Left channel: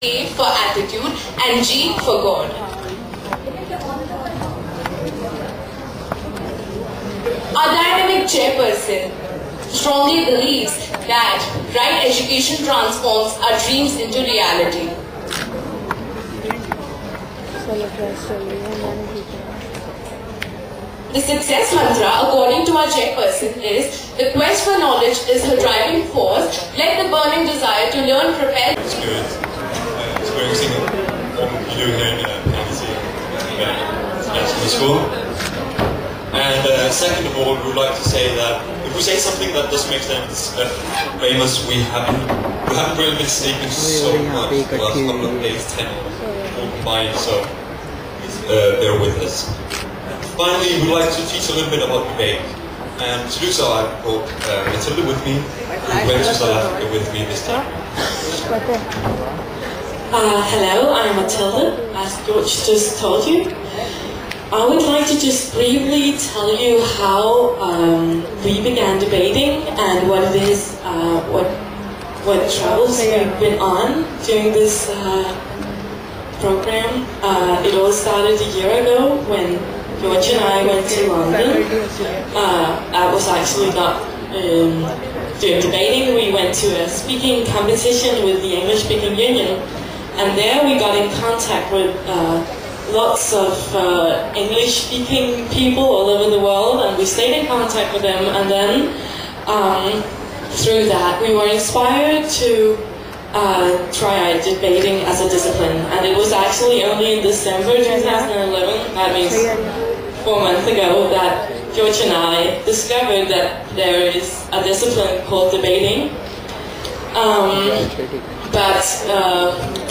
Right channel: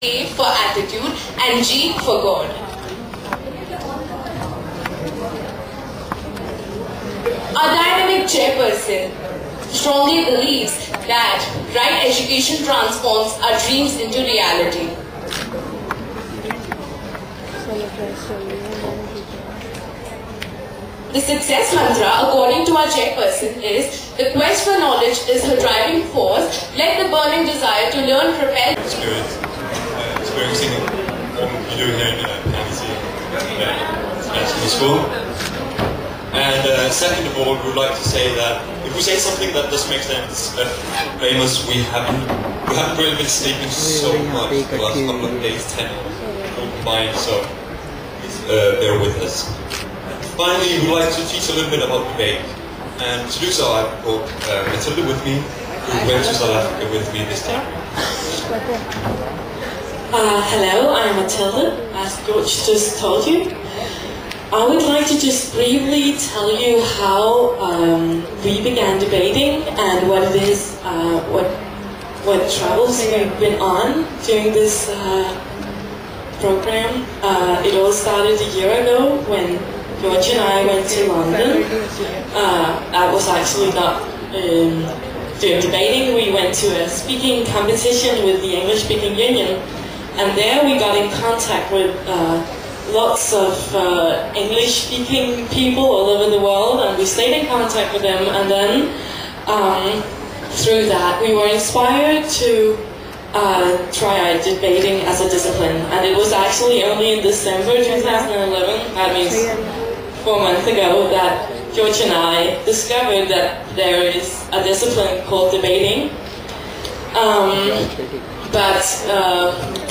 A for attitude, and G for God. Our dynamic chairperson strongly believes that right education transforms our dreams into reality. The success mantra, according to our chairperson, is the quest for knowledge is her driving force. Let the burning desire to learn propel. Experiencing what you do here in Annecy International School. And second of all, we would like to say that if we say something that doesn't make sense famous, we haven't really been sleeping so much the last couple of days, 10 all combined, so please bear with us. Finally, we'd like to teach a little bit about debate. And to do so, I've brought Matilda with me, who went to South Africa with me this time. Hello, I'm Matilda, as George just told you. I would like to just briefly tell you how we began debating and what it is, what travels we've been on during this program. It all started a year ago when George and I went to London. I was actually not doing debating. We went to a speaking competition with the English-speaking union. And there we got in contact with lots of English-speaking people all over the world, and we stayed in contact with them. And then through that, we were inspired to try out debating as a discipline. And it was actually only in December 2011, that means 4 months ago, that George and I discovered that there is a discipline called debating. But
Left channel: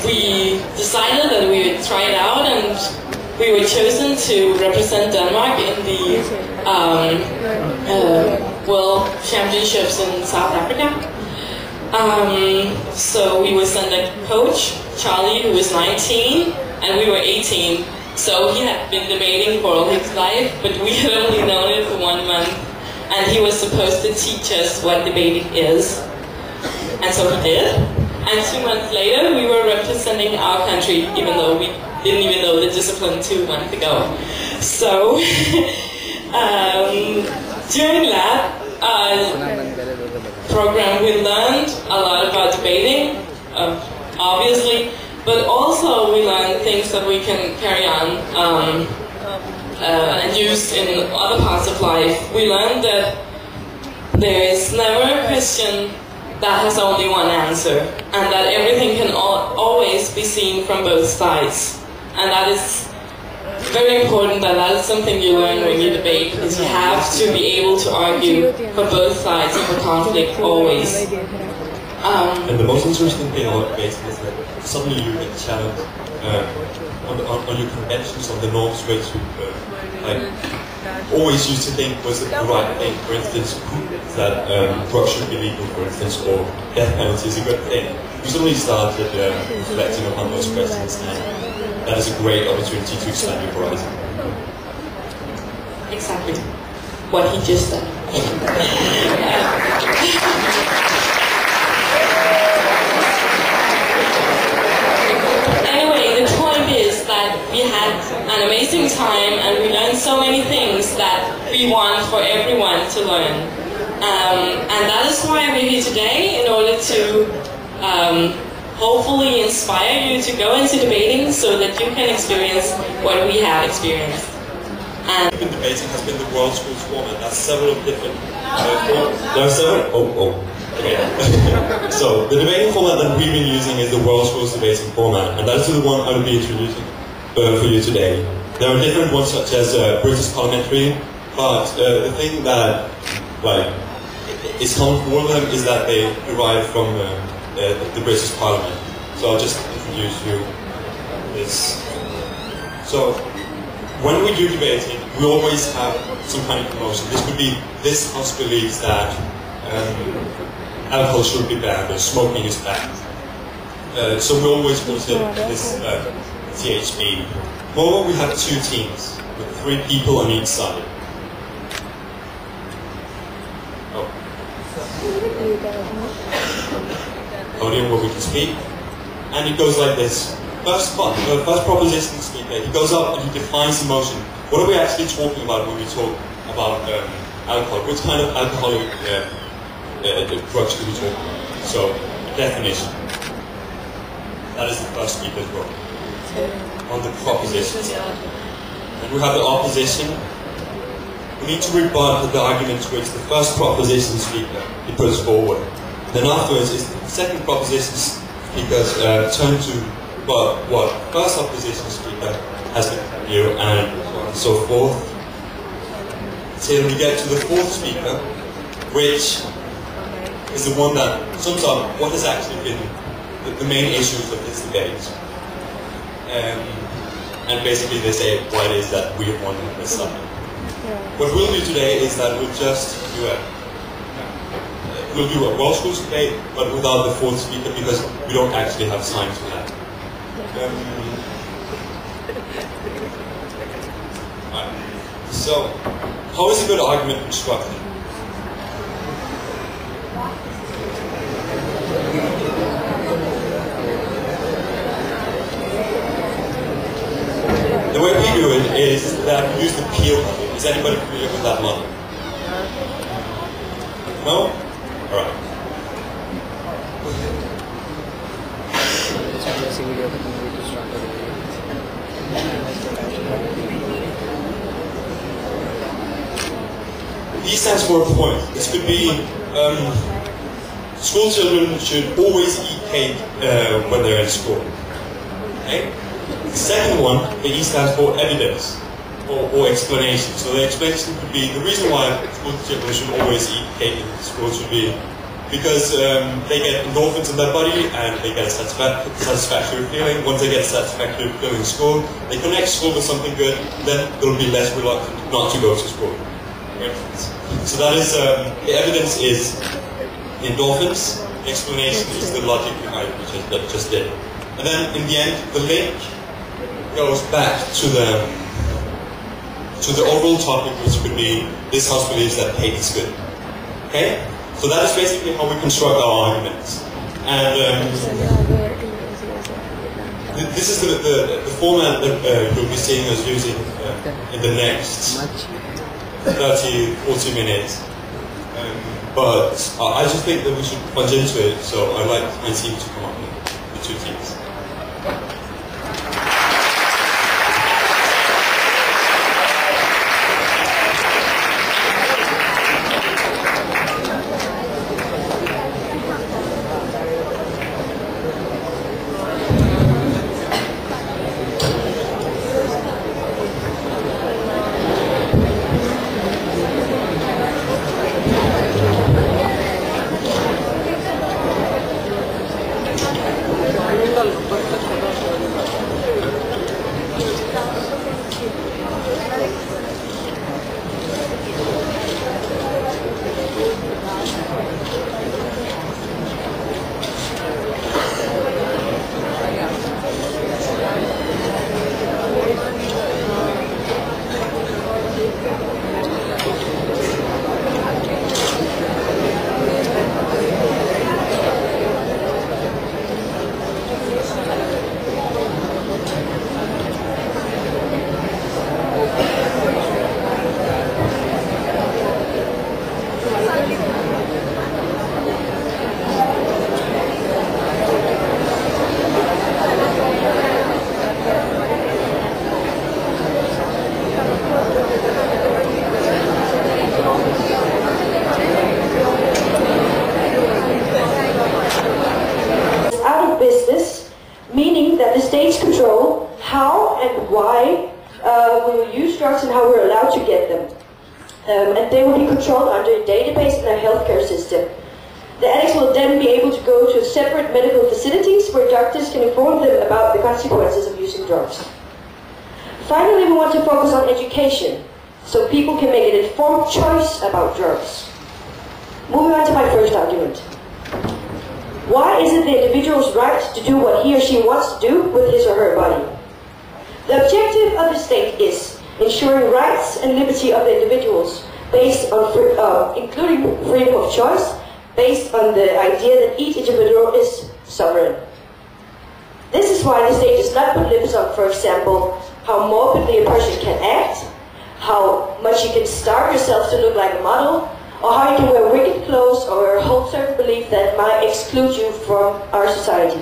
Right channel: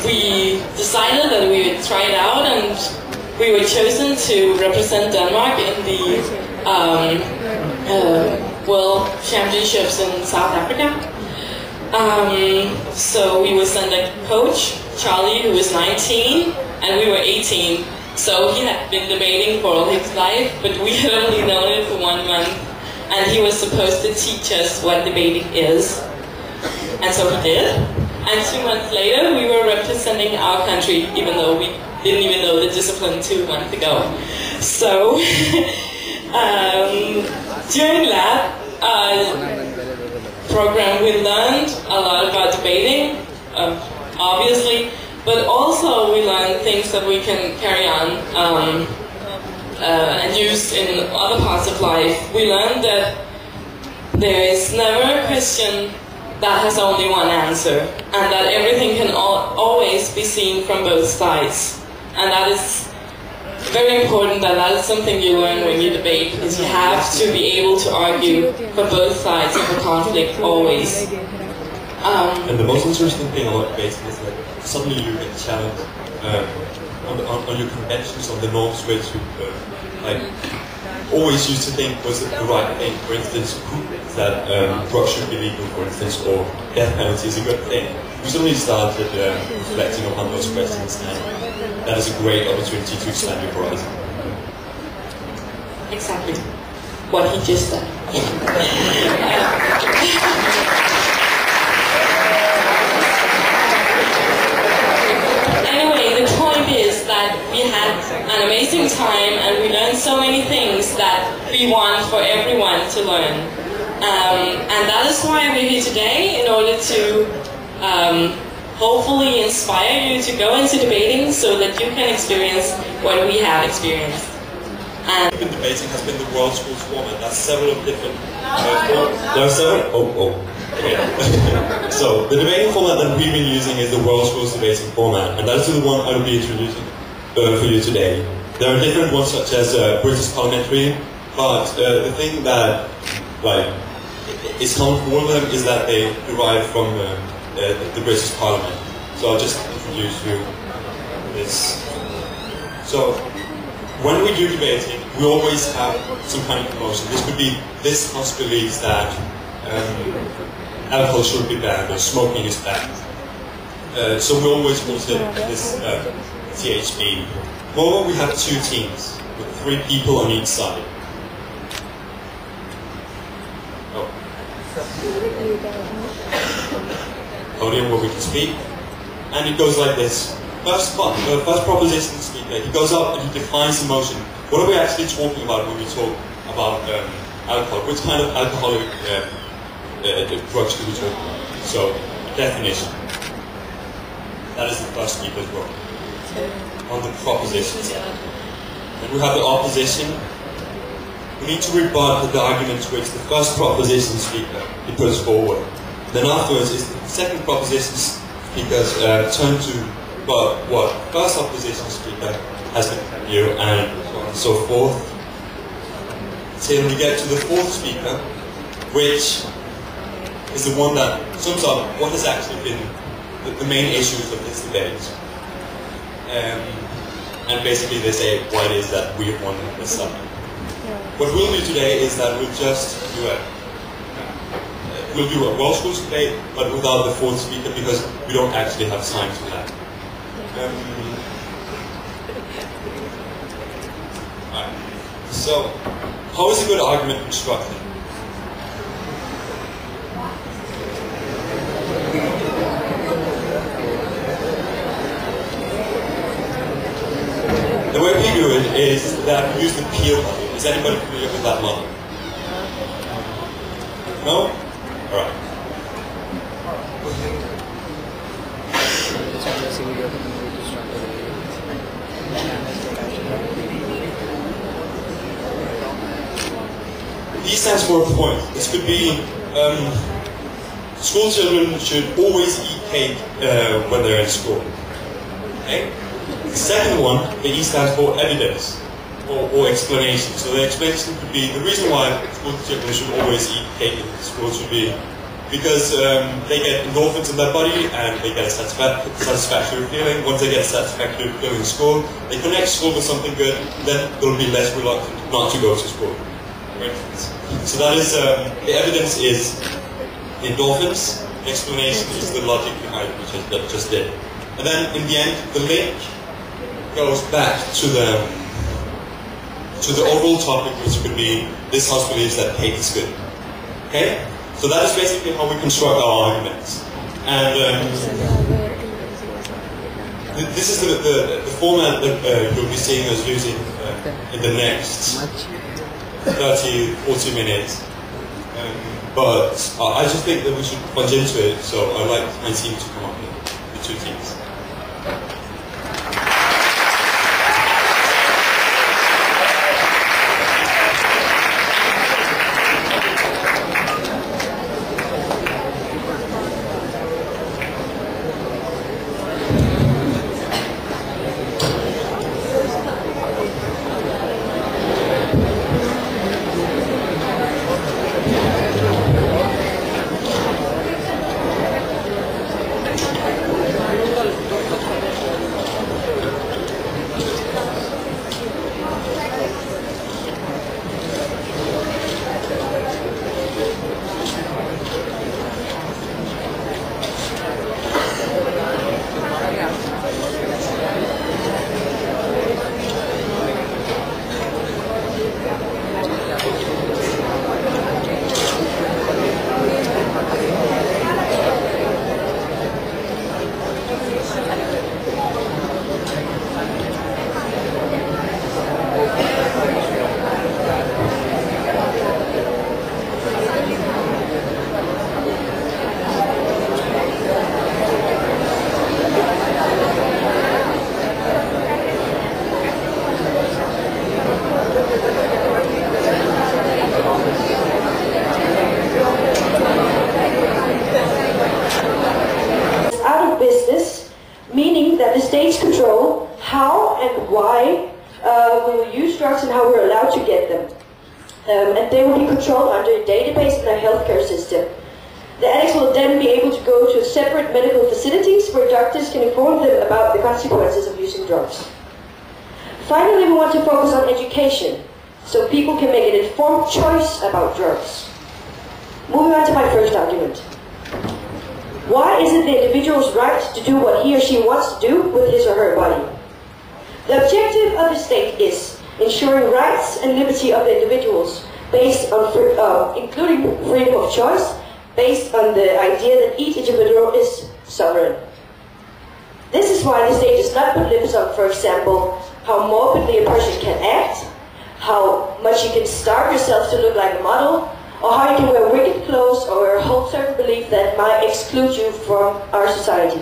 we decided that we would try it out, and we were chosen to represent Denmark in the World Championships in South Africa. So we were sent a coach, Charlie, who was 19, and we were 18. So he had been debating for all his life, but we had only known it for 1 month, and he was supposed to teach us what debating is. And so he did. And 2 months later, we were representing our country, even though we didn't even know the discipline 2 months ago. So, during that program, we learned a lot about debating, obviously, but also we learned things that we can carry on and use in other parts of life. We learned that there is never a question that has only one answer, and that everything can always be seen from both sides. And that is very important, that is something you learn when you debate, is you have to be able to argue for both sides of the conflict always. And the most interesting thing about debating is that suddenly you get challenged on your conventions, on the norms which you always used to think was the right thing. For instance, that drugs should be legal, for instance, or death penalty is a good thing. We suddenly started reflecting upon those questions, and that is a great opportunity to expand your horizon. Exactly what he just said. Anyway, the point is that we had an amazing time, and we learned so many things that we want for everyone to learn. And that is why we're here today, in order to hopefully inspire you to go into debating so that you can experience what we have experienced. And debating has been the World Schools format. There's several different there are several. Okay. So the debating format that we've been using is the World Schools debating format, and that is the one I will be introducing for you today. There are different ones such as British parliamentary, but the thing that is common for all of them is that they derive from the British Parliament. So I'll just introduce you this. So when we do debating, we always have some kind of emotion. This could be, this house believes that alcohol should be banned, or smoking is banned. So we always wanted this THB. Moreover, we have 2 teams, with 3 people on each side. Podium where we can speak. and it goes like this. First proposition speaker, he goes up and he defines emotion. What are we actually talking about when we talk about alcohol? Which kind of alcoholic drugs do we talk about? So, definition. That is the first speaker's role. On the propositions. And we have the opposition. We need to rebut the arguments which the first proposition speaker he puts forward. Then afterwards is the second proposition speaker's turn to what first opposition speaker has been here, and so on and so forth. Till we get to the fourth speaker, which is the one that sums up what has actually been the main issues of this debate. And basically they say why it is that we have won this summit. What we'll do today is that we'll just do a World Schools debate, but without the fourth speaker, because we don't actually have time for that. So, how is a good argument constructed? The way we do it is that we use the Peel model. Is anybody familiar with that model? No? Alright. P stands for a point. This could be school children should always eat cake when they're in school. Okay? The second one, the E stands for evidence or explanation. So the explanation could be the reason why school children should always eat cake in school should be because they get endorphins in their body and they get a satisfactory feeling. Once they get a satisfactory feeling in school, they connect school with something good, then they'll be less reluctant not to go to school. So that is, the evidence is the endorphins, the explanation is the logic behind it, which I just did. And then in the end, the link goes back to the overall topic, which could be this house believes that cake is good. Okay? So that is basically how we construct our arguments. And this is the format that you'll be seeing us using in the next 30, 40 minutes. But I just think that we should plunge into it, so I'd like my team to come up with the two teams. States control how and why we will use drugs and how we're allowed to get them. And they will be controlled under a database in our healthcare system. The addicts will then be able to go to separate medical facilities where doctors can inform them about the consequences of using drugs. Finally, we want to focus on education, so people can make an informed choice about drugs. Moving on to my first argument. Why is it the individual's right to do what he or she wants to do with his or her body? The objective of the state is ensuring rights and liberty of the individuals, based on, including freedom of choice, based on the idea that each individual is sovereign. This is why the state does not put limits on, for example, how morbidly a person can act, how much you can starve yourself to look like a model, or how you can wear wicked clothes or hold certain beliefs that might exclude you from our society.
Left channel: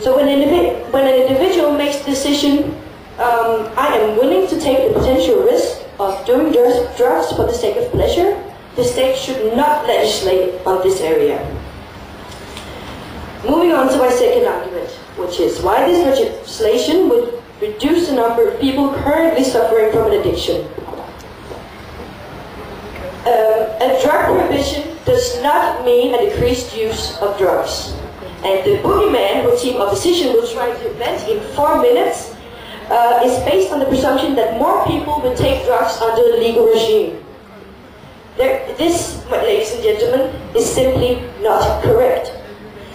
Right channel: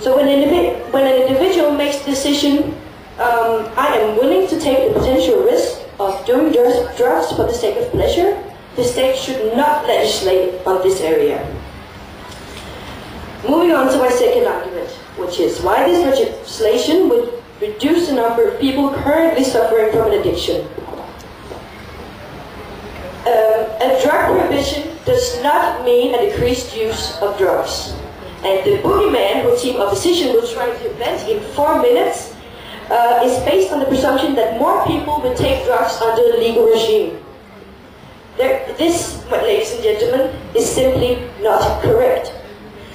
So when an individual makes the decision, I am willing to take the potential risk of doing drugs for the sake of pleasure, the state should not legislate on this area. Moving on to my second argument, which is why this legislation would reduce the number of people currently suffering from an addiction. A drug prohibition does not mean a decreased use of drugs. And the boogeyman who Team Opposition will try to invent in 4 minutes is based on the presumption that more people will take drugs under the legal regime. This, ladies and gentlemen, is simply not correct.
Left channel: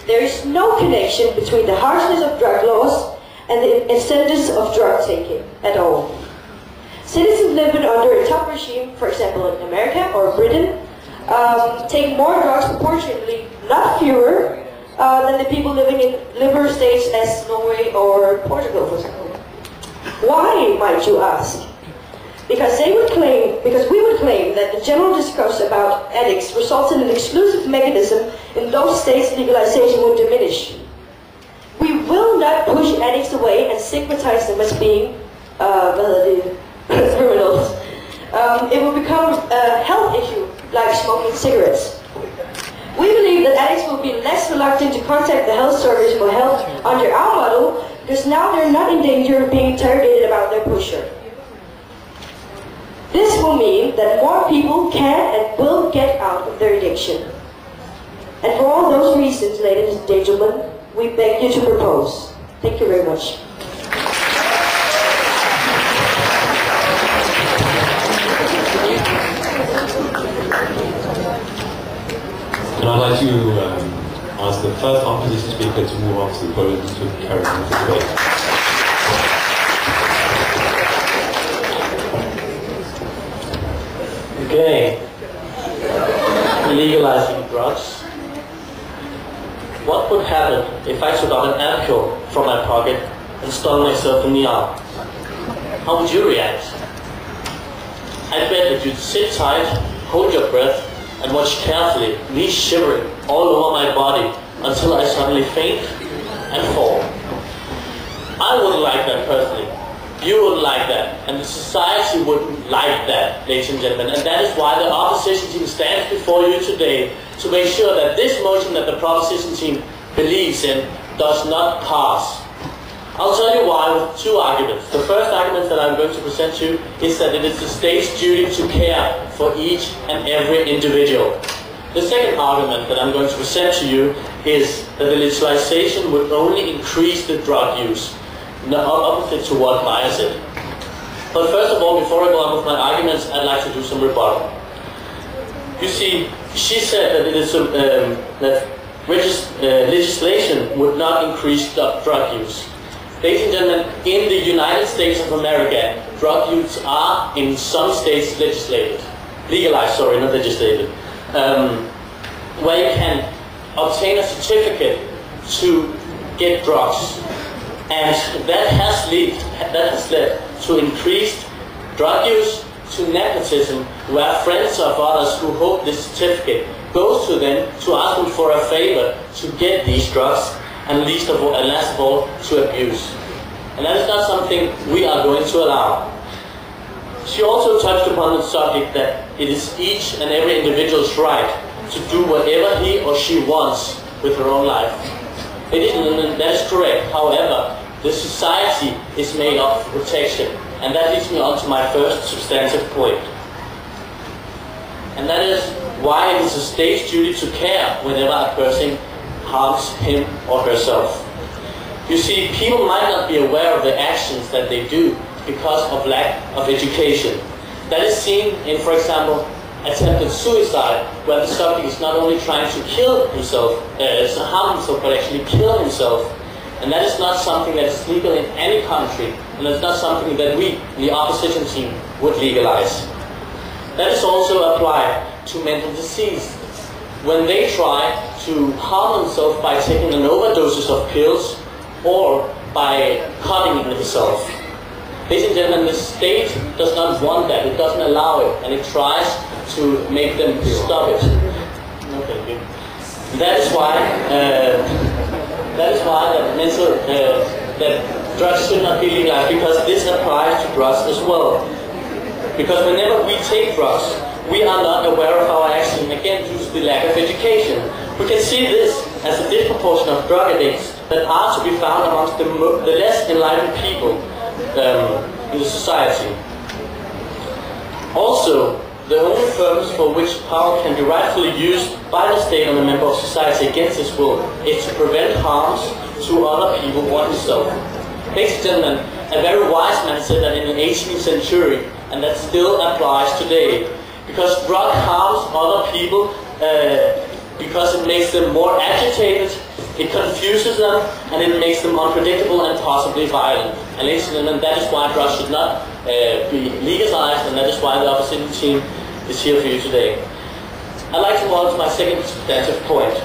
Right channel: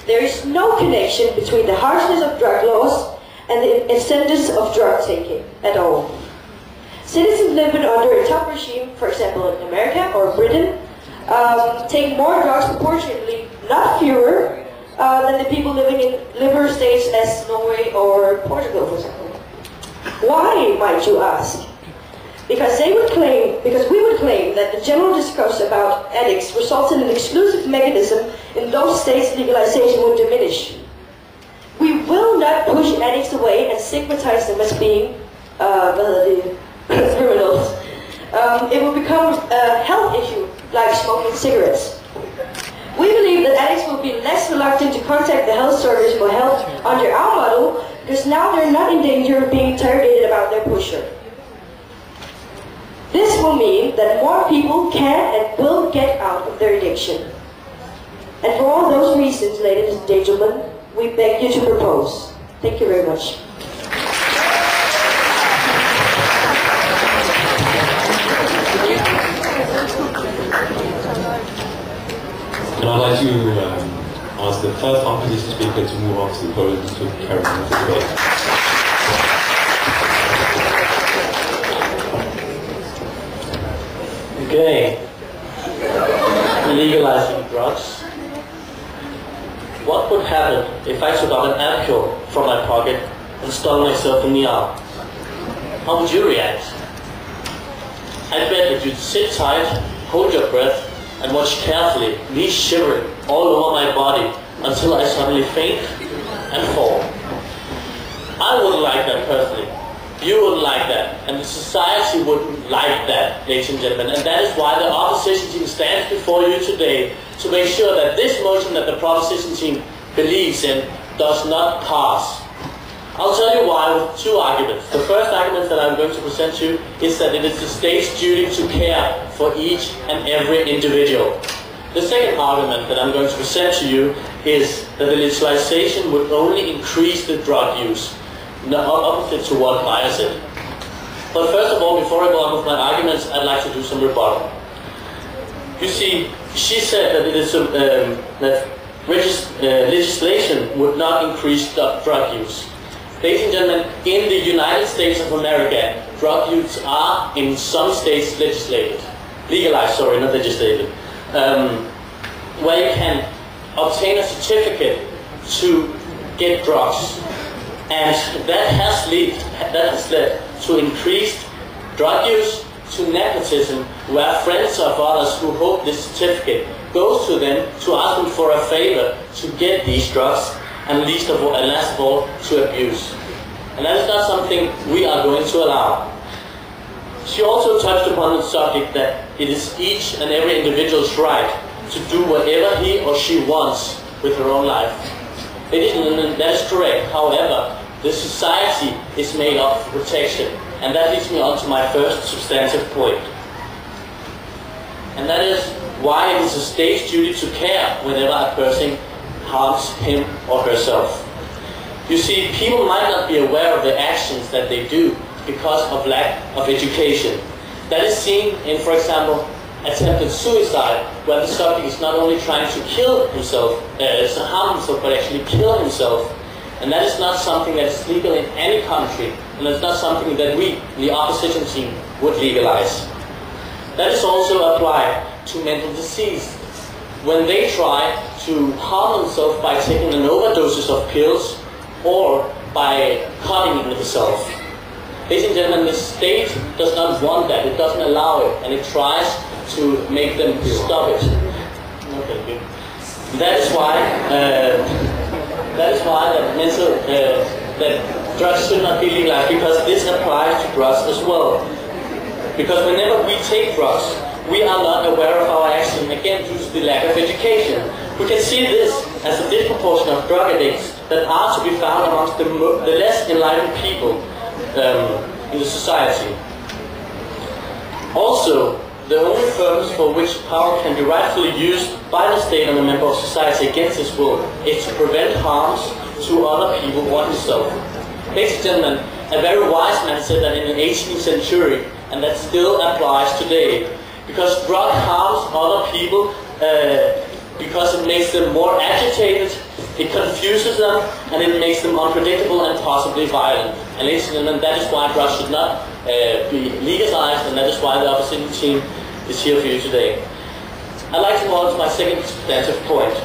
There is no connection between the harshness of drug laws and the incentives of drug taking at all. Citizens living under a tough regime, for example in America or Britain, take more drugs proportionately, not fewer, than the people living in liberal states as Norway or Portugal, for example. Why, might you ask? Because we would claim that the general discourse about addicts results in an exclusive mechanism in those states legalization would diminish. We will not push addicts away and stigmatize them as being criminals. It will become a health issue like smoking cigarettes. We believe that addicts will be less reluctant to contact the health service for help under our model because now they're not in danger of being interrogated about their pusher. This will mean that more people can and will get out of their addiction. And for all those reasons, ladies and gentlemen, we beg you to propose. Thank you very much. And I'd like to ask the first opposition speaker to move on to the podium to carry on the debate. Okay, legalizing drugs. What would happen if I took out an ampoule from my pocket and stung myself in the arm? How would you react? I bet that you'd sit tight, hold your breath, and watch carefully, me shivering all over my body until I suddenly faint and fall. I wouldn't like that personally. You wouldn't like that, and the society wouldn't like that, ladies and gentlemen. And that is why the opposition team stands before you today to make sure that this motion that the proposition team believes in does not pass. I'll tell you why with 2 arguments. The first argument that I'm going to present to you is that it is the state's duty to care for each and every individual. The second argument that I'm going to present to you is that the legalization would only increase the drug use, not opposite to what Maya said. But first of all, before I go on with my arguments, I'd like to do some rebuttal. You see, she said that it is that legislation would not increase drug use. Ladies and gentlemen, in the United States of America, drug use are in some states legalized, not legislated, where you can obtain a certificate to get drugs. And that has led to increased drug use, to nepotism, where friends of others who hold this certificate goes to them to ask them for a favor to get these drugs, and last of all, to abuse. And that is not something we are going to allow. She also touched upon the subject that it is each and every individual's right to do whatever he or she wants with her own life. That is correct. However, the society is made up for protection. And that leads me on to my first substantive point. And that is why it is a state's duty to care whenever a person harms him or herself. You see, people might not be aware of the actions that they do because of lack of education. That is seen in, for example, attempted suicide, where the subject is not only trying to kill himself, harm himself, but actually kill himself. And that is not something that is legal in any country, and it's not something that we, the opposition team, would legalize. That is also applied to mental disease. When they try to harm themselves by taking an overdoses of pills, or by cutting it itself. Ladies and gentlemen, the state does not want that. It doesn't allow it, and it tries to make them stop it. Okay, good. That is why that drugs should not be legalized, because this applies to drugs as well. Because whenever we take drugs, we are not aware of our action, again due to the lack of education. We can see this as a disproportion of drug addicts that are to be found amongst the less enlightened people in the society. Also, the only purpose for which power can be rightfully used by the state and a member of society against his will is to prevent harms to other people or himself. Ladies and gentlemen, a very wise man said that in the 18th century, and that still applies today, because drug harms other people because it makes them more agitated, it confuses them, and it makes them unpredictable and possibly violent. And ladies and gentlemen, that is why drugs should not be legalized, and that is why the opposition team is here for you today. I'd like to move on to my second substantive point,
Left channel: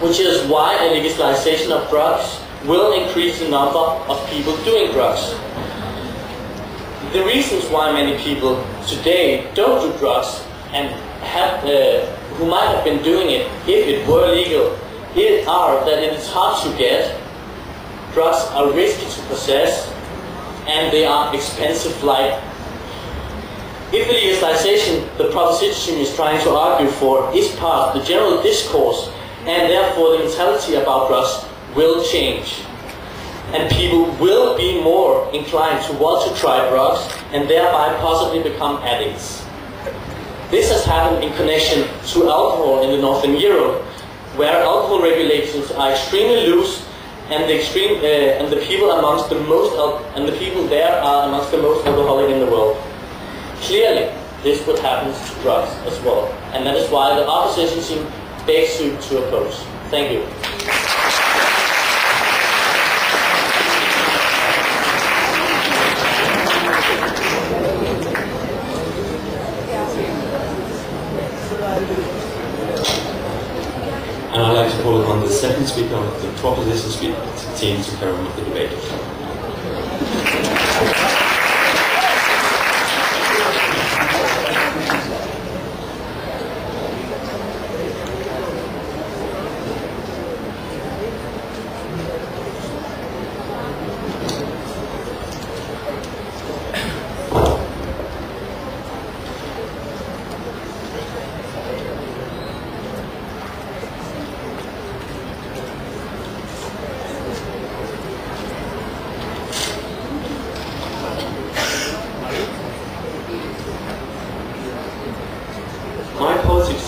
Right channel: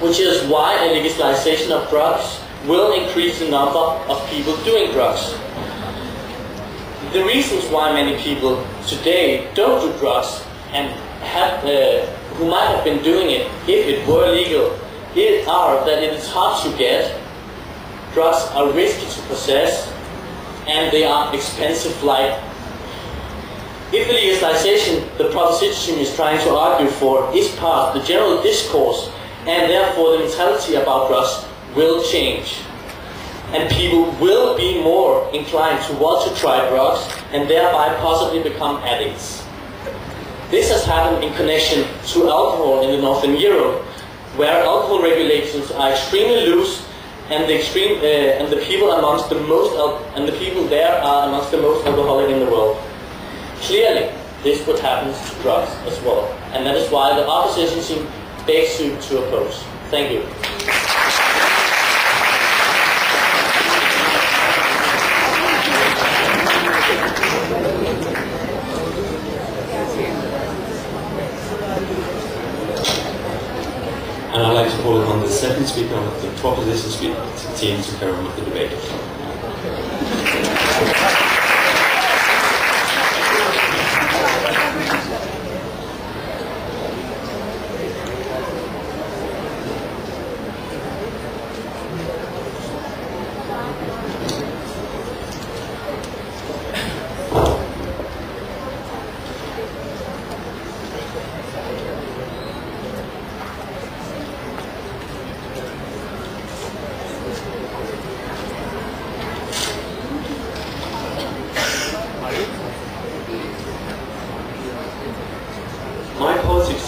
which is why a legalization of drugs will increase the number of people doing drugs. The reasons why many people today don't do drugs and who might have been doing it if it were legal are that it is hard to get, drugs are risky to possess, and they are expensive like. If the legalization the proposition is trying to argue for is part of the general discourse, and therefore the mentality about drugs will change, and people will be more inclined to want to try drugs and thereby possibly become addicts. This has happened in connection to alcohol in the Northern Europe, where alcohol regulations are extremely loose, and the people there are amongst the most alcoholic in the world. Clearly, this would happen to drugs as well, and that is why the opposition team begs you to oppose. Thank you. And I'd like to call upon the second speaker of the proposition team to carry on with the debate.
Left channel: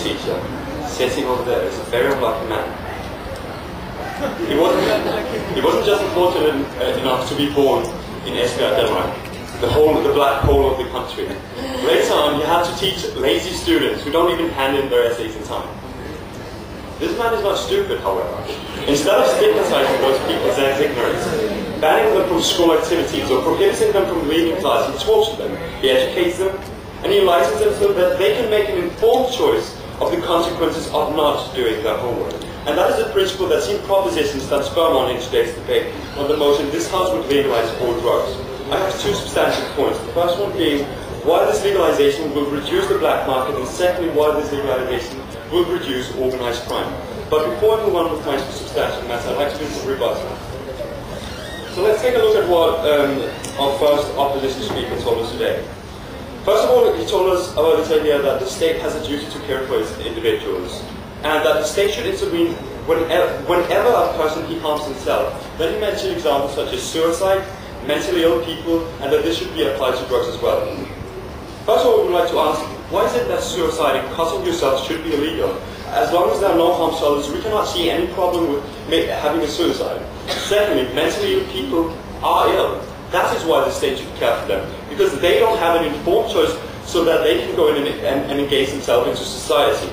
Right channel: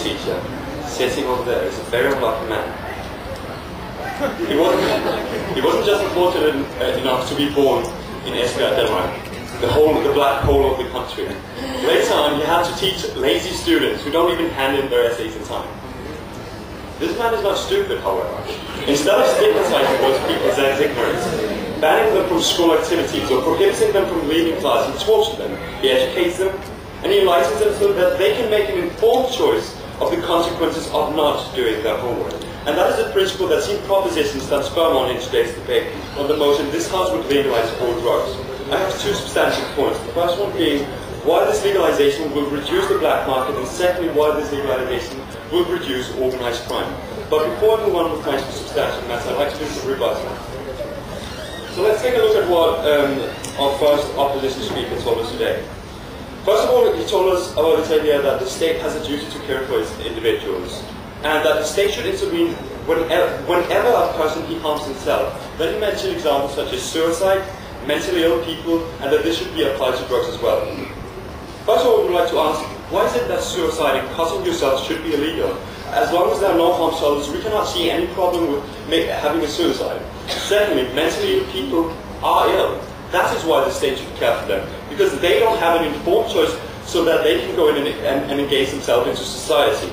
Teacher sitting over there is a very unlucky man. He wasn't just fortunate enough to be born in Esbjerg, Denmark, the black hole of the country. Later on, he had to teach lazy students who don't even hand in their essays in time. This man is not stupid, however. Instead of stigmatizing those people's ignorance, banning them from school activities or prohibiting them from leaving class, he talks to them, he educates them, and he enlightens them so that they can make an informed choice of the consequences of not doing their homework. And that is a principle that's in propositions that's firm on in today's debate on the motion this House would legalize all drugs. I have two substantive points. The first one being why this legalization will reduce the black market, and secondly why this legalization will reduce organized crime. But before I move on with my substantive matters, I'd like to do some rebuttal. So let's take a look at what our first opposition speaker told us today. First of all, he told us about this idea that the state has a duty to care for its individuals, and that the state should intervene whenever a person harms himself. Then he mentioned examples such as suicide, mentally ill people, and that this should be applied to drugs as well. First of all, we would like to ask, why is it that suicide and cutting yourself should be illegal? As long as there are no harm to others, we cannot see any problem with having a suicide. Secondly, mentally ill people are ill. That is why the state should care for them, because they don't have an informed choice so that they can go in and engage themselves into society.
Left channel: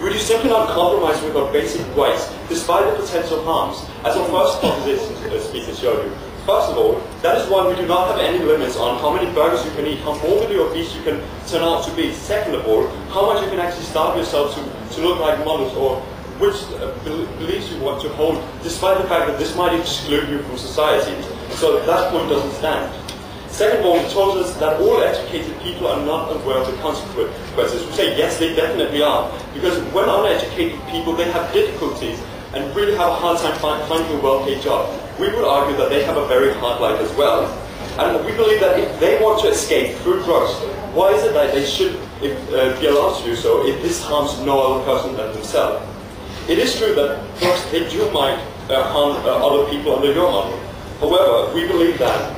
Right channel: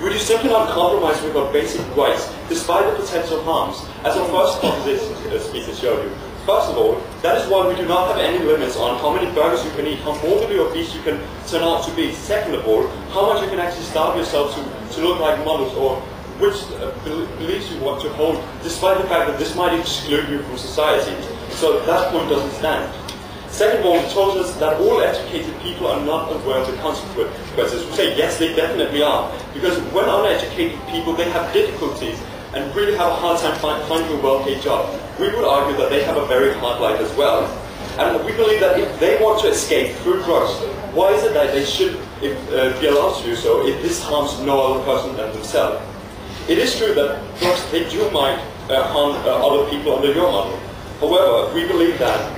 We would simply not compromise with our basic rights, despite the potential harms, as our first proposition speaker showed you. First of all, that is why we do not have any limits on how many burgers you can eat, how morbidly obese you can turn out to be. Second of all, how much you can actually starve yourself to look like models or which beliefs you want to hold, despite the fact that this might exclude you from society. So that point doesn't stand. Second of all, it told us that all educated people are not aware of the consequences. We say, yes, they definitely are. Because when uneducated people, they have difficulties and really have a hard time finding a well-paid job. We would argue that they have a very hard life as well. And we believe that if they want to escape through drugs, why is it that they should be allowed to do so if this harms no other person than themselves? It is true that drugs, they do might harm other people under your model. However, we believe that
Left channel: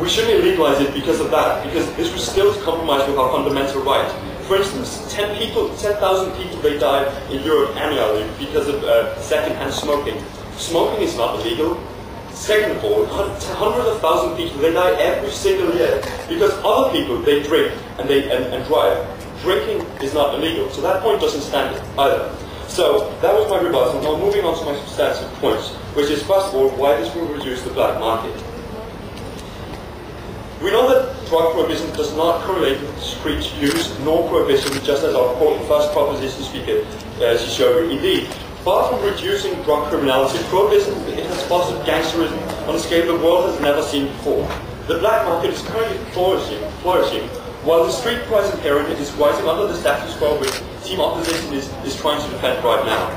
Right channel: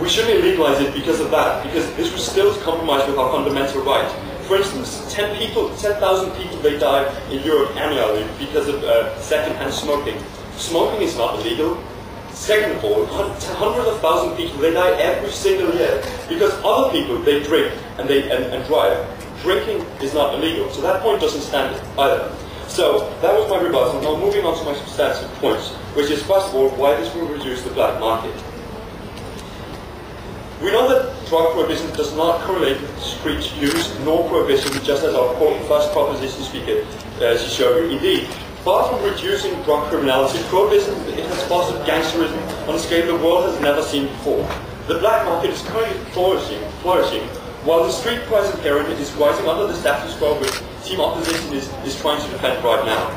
we shouldn't legalize it because of that, because this would still compromise with our fundamental right. For instance, 10,000 people, they die in Europe annually because of second-hand smoking. Smoking is not illegal. Second of all, hundreds of thousands of people, they die every single year because other people, they drink and drive. Drinking is not illegal, so that point doesn't stand either. So that was my rebuttal. Now moving on to my substantive points, which is first of all, why this will reduce the black market. We know that drug prohibition does not correlate with street use nor prohibition, just as our first proposition speaker she showed you. Indeed, far from reducing drug criminality, prohibition it has fostered gangsterism on a scale the world has never seen before. The black market is currently flourishing, while the street price of heroin is rising under the status quo which Team Opposition is trying to defend right now.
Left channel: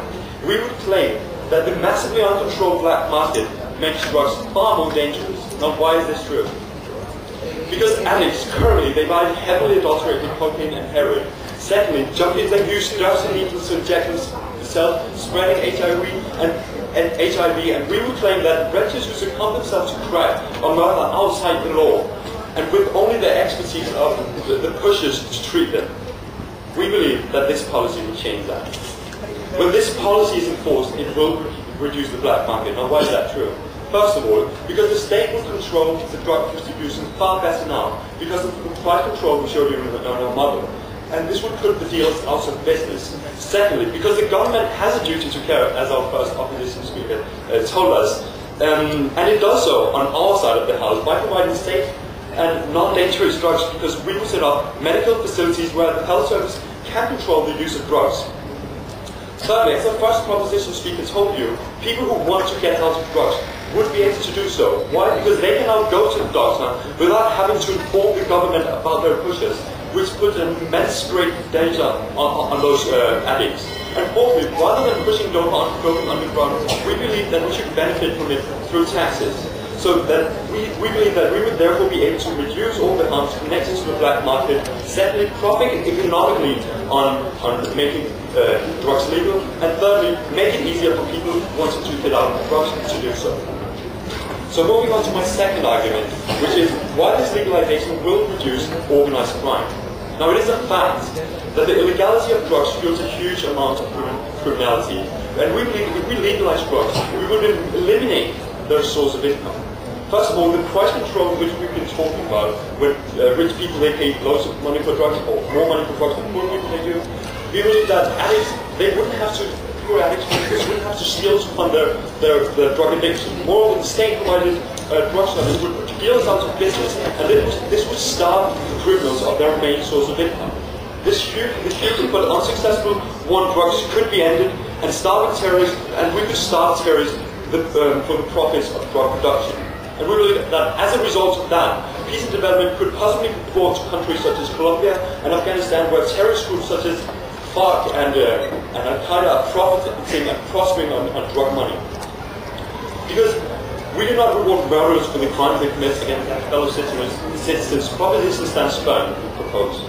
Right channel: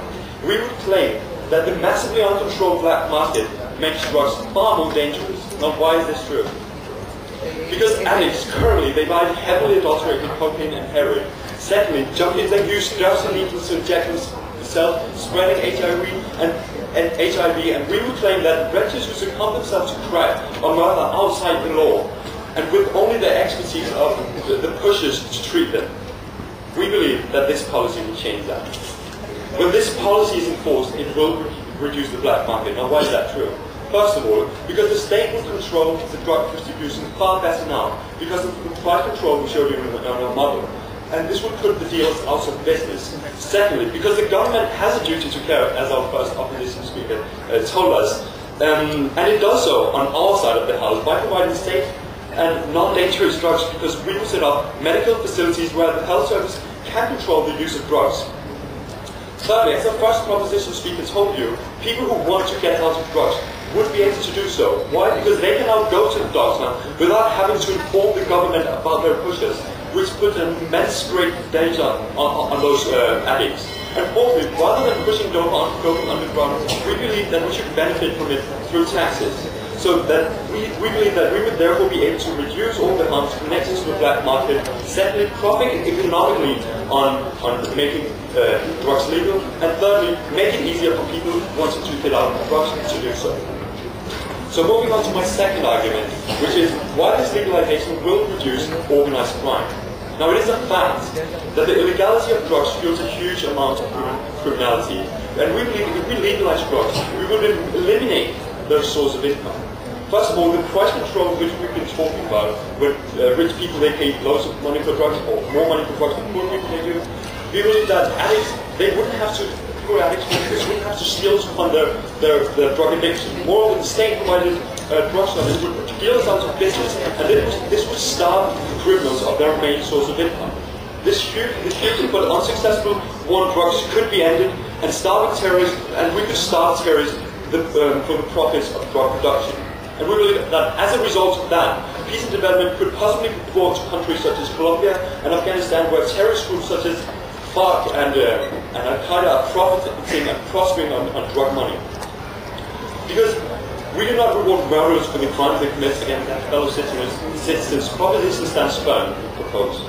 We would claim that the massively uncontrolled black market makes drugs far more dangerous. Now why is this true? Because addicts currently, they buy heavily adulterated cocaine and heroin. Secondly, junkies, they use dirty needles to inject themselves, spreading HIV, and we would claim that wretches who succumb themselves to crack or murder outside the law, and with only the expertise of the pushers to treat them. We believe that this policy will change that. When this policy is enforced, it will reduce the black market. Now why is that true? First of all, because the state will control the drug distribution far better now, because of the price control we showed you in our model. And this would put the dealers out of business. Secondly, because the government has a duty to care, as our first opposition speaker told us, and it does so on our side of the house by providing safe and non-dangerous drugs, because we will set up medical facilities where the health service can control the use of drugs. Thirdly, as our first proposition speaker told you, people who want to get out of drugs would be able to do so. Why? Because they can now go to the doctor without having to inform the government about their pushers, which puts an immense great danger on those addicts. And fourthly, rather than pushing dope underground, we believe that we should benefit from it through taxes. So that we believe that we would therefore be able to reduce all the harms connected to the black market, secondly, profiting economically on making drugs legal, and thirdly, make it easier for people wanting to get out of drugs to do so. So moving on to my second argument, which is why this legalization will reduce organized crime. Now it is a fact that the illegality of drugs fuels a huge amount of criminality, and we believe if we legalize drugs, we would eliminate those sources of income. First of all, the price control which we've been talking about, when rich people they pay loads of money for drugs, or more money for drugs than poor people they do, we believe that addicts, they wouldn't have to, poor addicts wouldn't have to steal to fund their drug addiction. Moreover, the state-provided drug service would put dealers out of business, and this would starve criminals of their main source of income. This hugely but unsuccessful war on drugs could be ended, and starving terrorists, and we could starve terrorists for the profits of drug production. And we believe that as a result of that, peace and development could possibly be brought to countries such as Colombia and Afghanistan, where terrorist groups such as FARC and Al-Qaeda are profiting and prospering on drug money. Because we do not reward murderers for the crimes they commit against their fellow citizens. Proposition stands firm, we propose.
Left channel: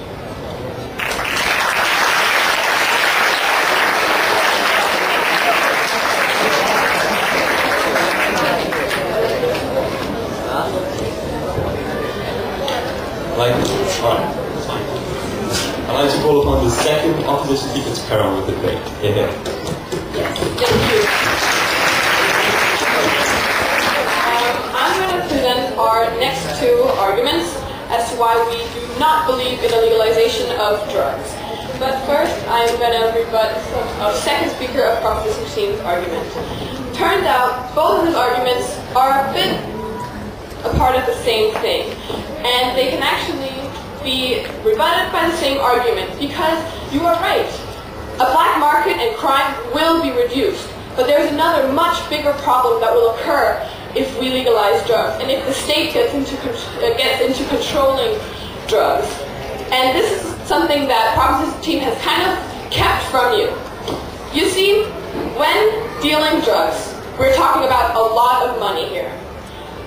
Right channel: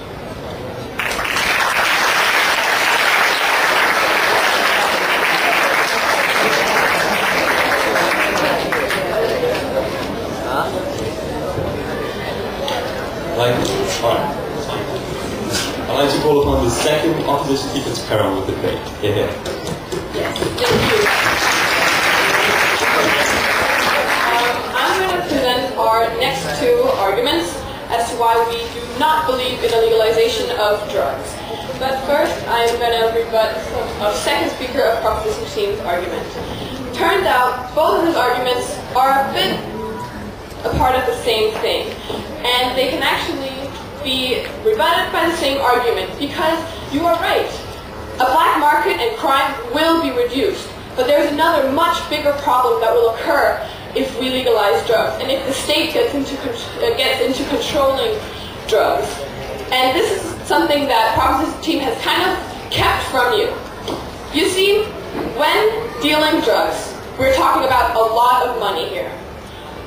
I'd like to call upon the second opposition speaker to carry on with the debate. Yes, thank you. I'm going to present our next two arguments as to why we do not believe in the legalization of drugs. But first, I'm going to rebut our second speaker of Proposition 16's argument. Turns out, both of his arguments are a bit a part of the same thing, and they can actually be rebutted by the same argument, because you are right. A black market and crime will be reduced, but there's another much bigger problem that will occur if we legalize drugs, and if the state gets into controlling drugs. And this is something that Proposition Team has kind of kept from you. You see, when dealing drugs, we're talking about a lot of money here.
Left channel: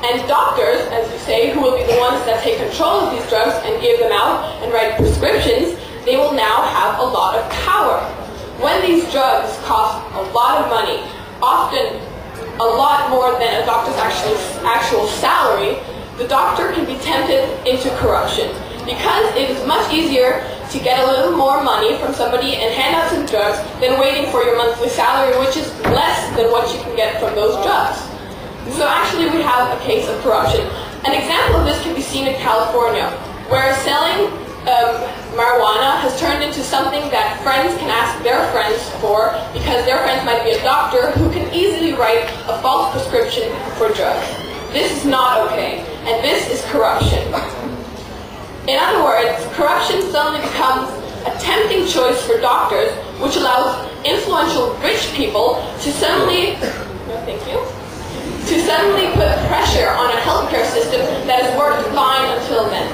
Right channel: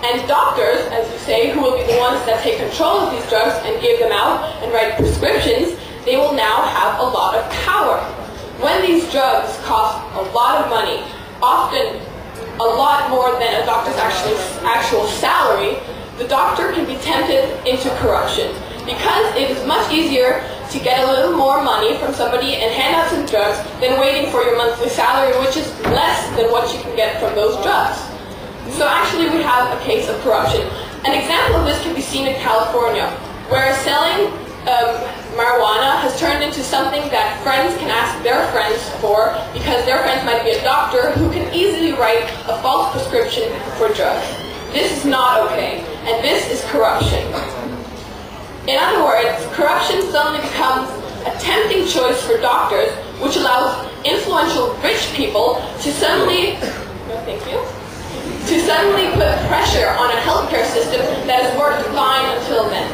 And doctors, as you say, who will be the ones that take control of these drugs and give them out and write prescriptions, they will now have a lot of power. When these drugs cost a lot of money, often a lot more than a doctor's actual salary, the doctor can be tempted into corruption, because it is much easier to get a little more money from somebody and hand out some drugs than waiting for your monthly salary, which is less than what you can get from those drugs. So actually we have a case of corruption. An example of this can be seen in California, where selling marijuana has turned into something that friends can ask their friends for, because their friends might be a doctor who can easily write a false prescription for drugs. This is not okay, and this is corruption. In other words, corruption suddenly becomes a tempting choice for doctors, which allows influential rich people to suddenly, put pressure on a healthcare system that has worked fine until then.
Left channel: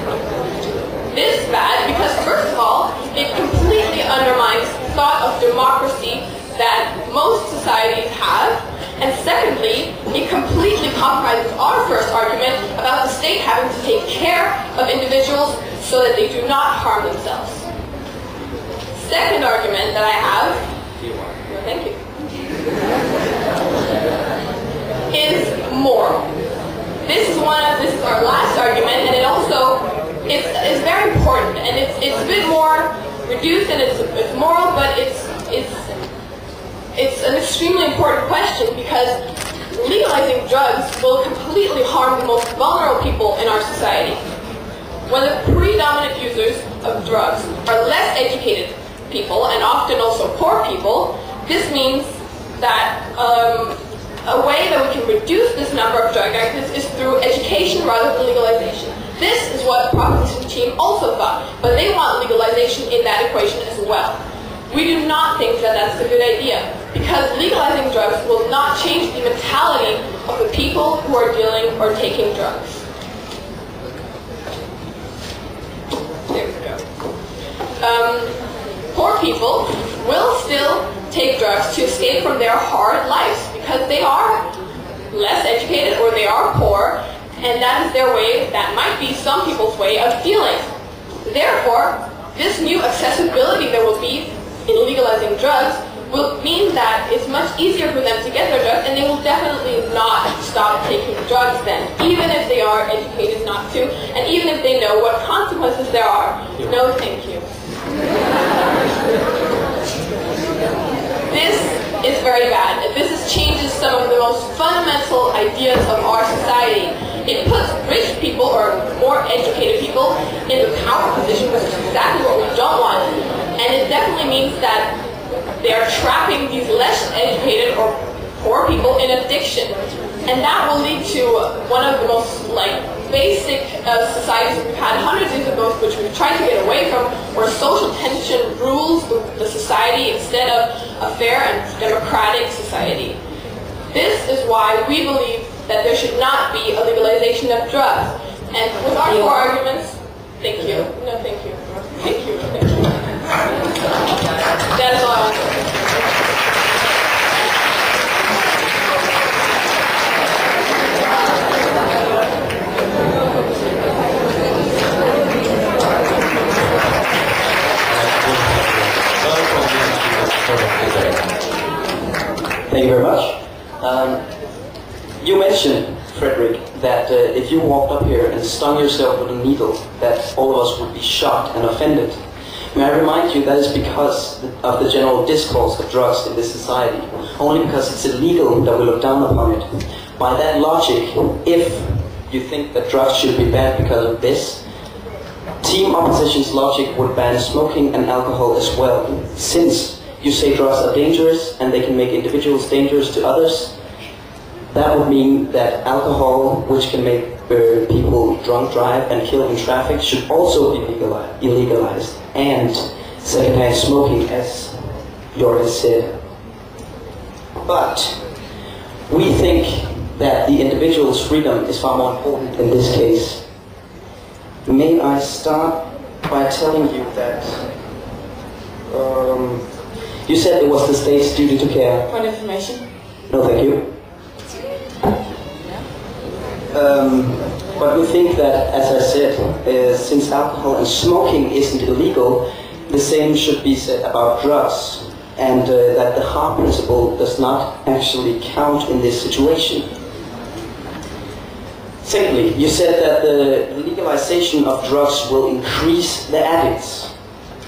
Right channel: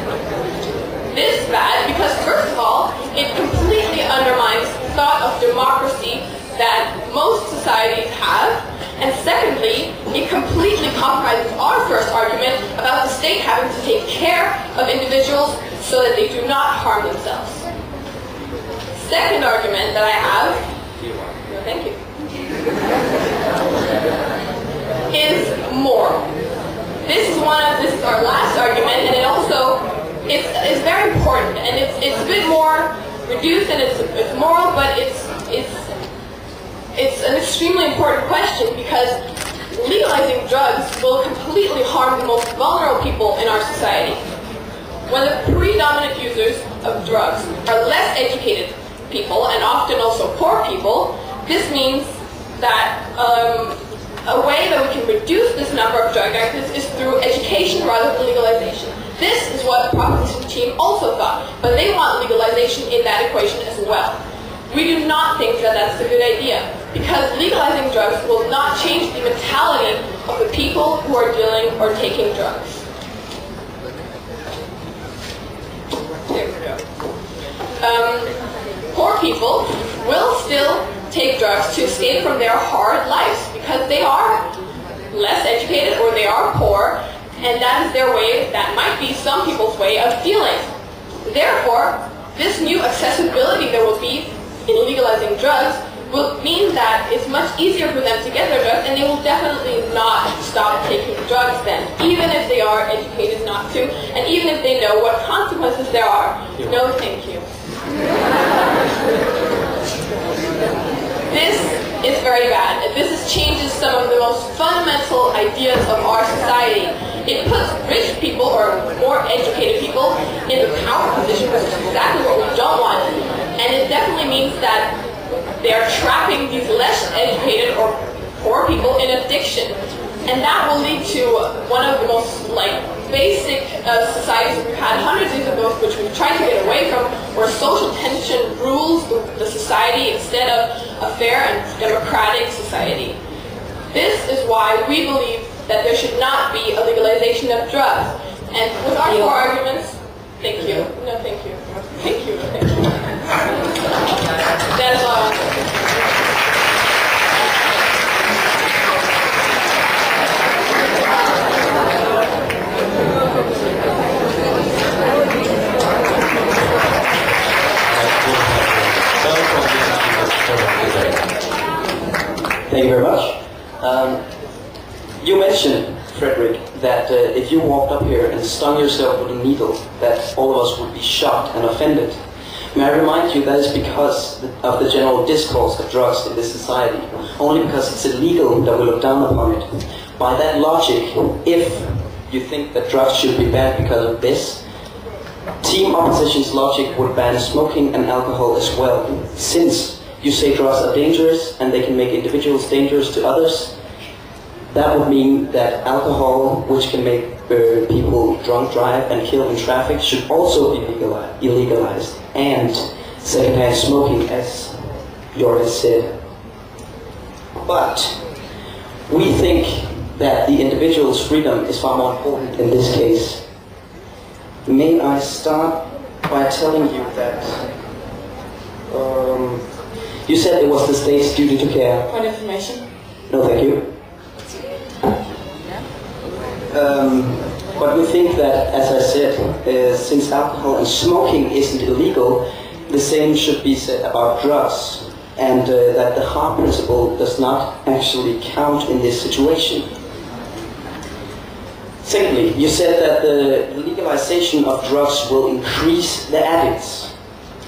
This is bad because, first of all, it completely undermines the thought of democracy that most societies have, and secondly, it completely compromises our first argument about the state having to take care of individuals so that they do not harm themselves. Second argument that I have, is moral. This is our last argument, and it's very important, and it's a bit more reduced, and it's moral, but it's an extremely important question, because legalizing drugs will completely harm the most vulnerable people in our society. When the predominant users of drugs are less educated people, and often also poor people, this means that a way that we can reduce this number of drug addicts is through education rather than legalization. This is what Proposition Team also thought, but they want legalization in that equation as well. We do not think that that's a good idea, because legalizing drugs will not change the mentality of the people who are dealing or taking drugs. There we go. Poor people will still take drugs to escape from their hard lives, because they are less educated or they are poor, and that is their way, that might be some people's way of feeling. Therefore, this new accessibility there will be in legalizing drugs will mean that it's much easier for them to get their drugs, and they will definitely not stop taking drugs then, even if they are educated not to, and even if they know what consequences there are. No, thank you. This is very bad. This changes some of the most fundamental ideas of our society. It puts rich people, or more educated people, in the power position, which is exactly what we don't want. And it definitely means that they are trapping these less educated or poor people in addiction. And that will lead to one of the most basic societies we've had hundreds of years ago, which we've tried to get away from, where social tension rules the society instead of a fair and democratic society. This is why we believe that there should not be a legalization of drugs. And with our four arguments, thank you. No, thank you. Thank you. Thank you. That is all I want to say. Thank you very much. You mentioned, Frederick, that if you walked up here and stung yourself with a needle, that all of us would be shocked and offended. May I remind you that is because of the general discourse of drugs in this society. Only because it's illegal that we look down upon it. By that logic, if you think that drugs should be banned because of this, Team Opposition's logic would ban smoking and alcohol as well. Since you say drugs are dangerous and they can make individuals dangerous to others, that would mean that alcohol, which can make people drunk drive and kill in traffic, should also be illegalized. And secondhand smoking, as Joris said. But we think that the individual's freedom is far more important in this case. May I start by telling you that you said it was the state's duty to care. Point of information. No, thank you. But we think that, as I said, since alcohol and smoking isn't illegal, the same should be said about drugs, and that the harm principle does not actually count in this situation. Secondly, you said that the legalization of drugs will increase the addicts.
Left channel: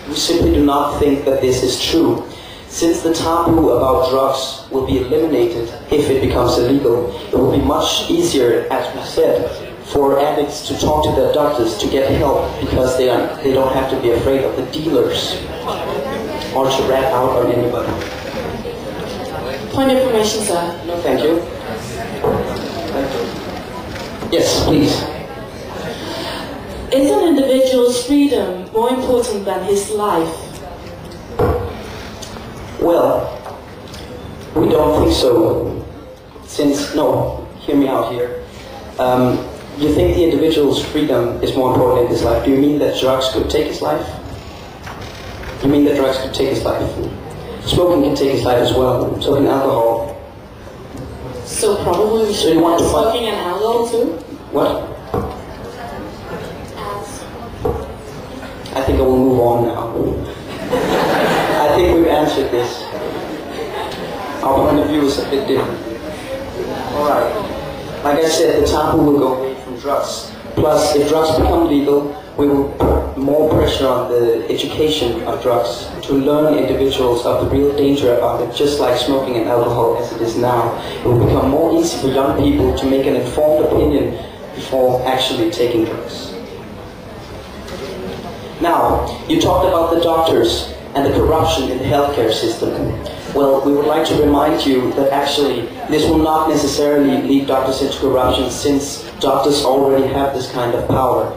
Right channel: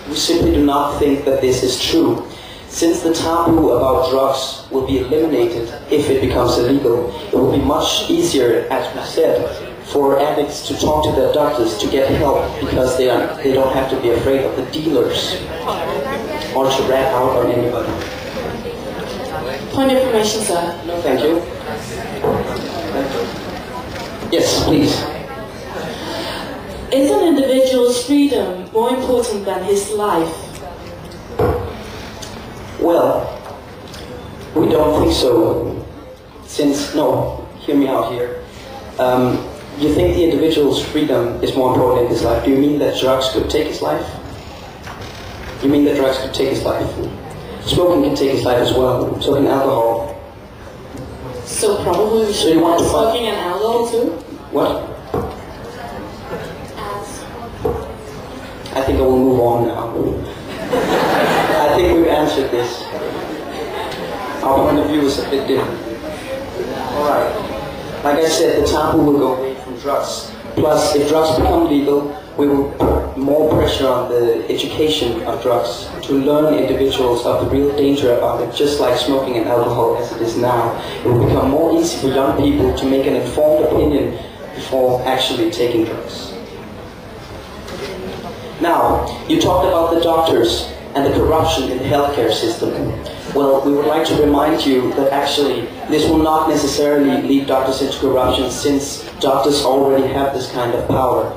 We simply do not think that this is true. Since the taboo about drugs will be eliminated if it becomes illegal, it will be much easier, as we said, for addicts to talk to their doctors to get help, because they don't have to be afraid of the dealers or to rat out on anybody. Point of information, sir. No, thank you. Yes, please. Is an individual's freedom more important than his life? Well, we don't think so. Hear me out here. You think the individual's freedom is more important in his life. Do you mean that drugs could take his life? You mean that drugs could take his life? Smoking can take his life as well. So can alcohol. So probably we should want smoking and alcohol too? What? I think I will move on now. I think we've answered this. Our point of view is a bit different. Alright. Like I said, the taboo will go away from drugs. Plus, if drugs become legal, we will put more pressure on the education of drugs to learn individuals of the real danger about it, just like smoking and alcohol as it is now. It will become more easy for young people to make an informed opinion before actually taking drugs. Now, you talked about the doctors and the corruption in the healthcare system. Well, we would like to remind you that actually this will not necessarily lead doctors into corruption, since doctors already have this kind of power.